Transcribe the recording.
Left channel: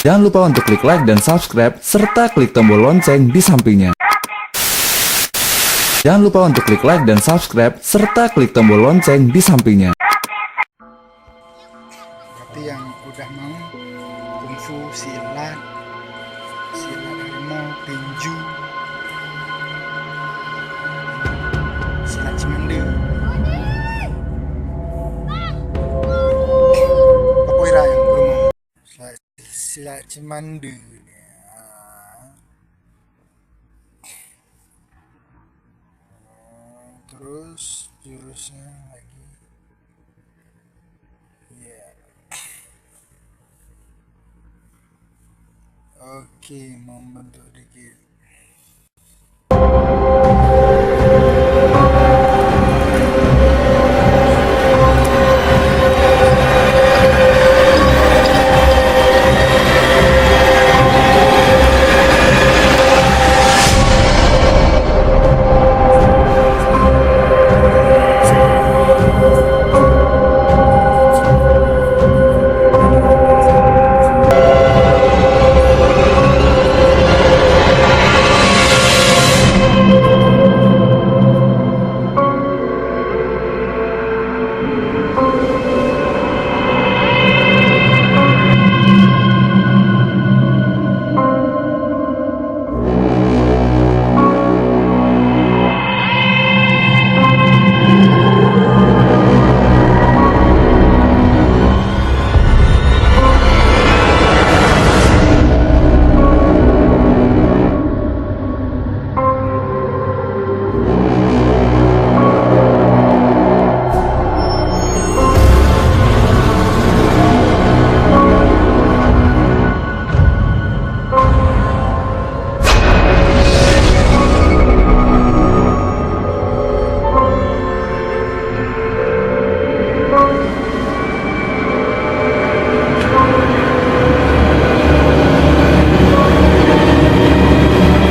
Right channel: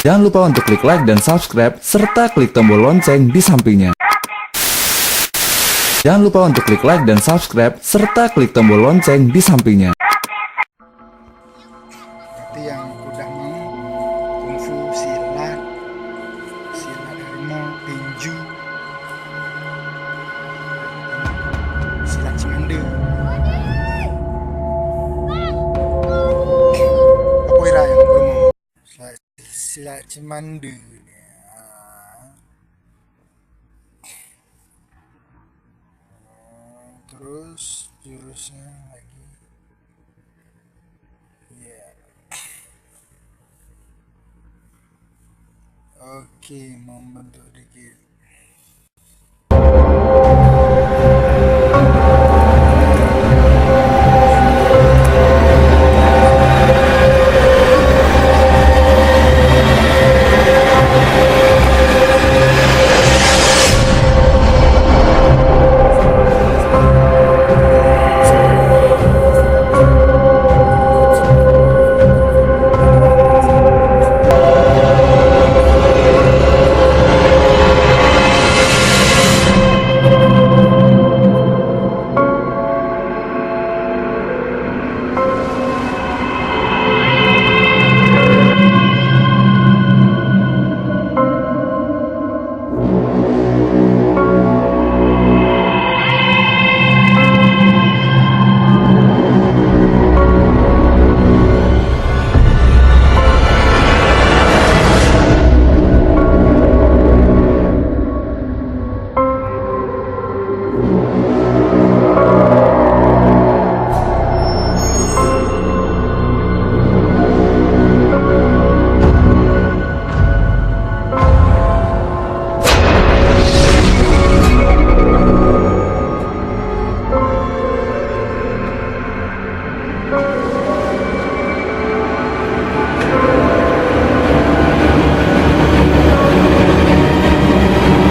Jangan lupa untuk klik like dan subscribe, serta klik tombol lonceng di sampingnya. Jangan lupa untuk klik like dan subscribe, serta klik tombol lonceng di sampingnya. Berarti yang udah mau kungfu, silat, silat harimau, tinju, silat cimande, capoeira yang belum mau. Silat cimande. Terus jurusnya lagi. Yeah. Oke, membentuk dikit.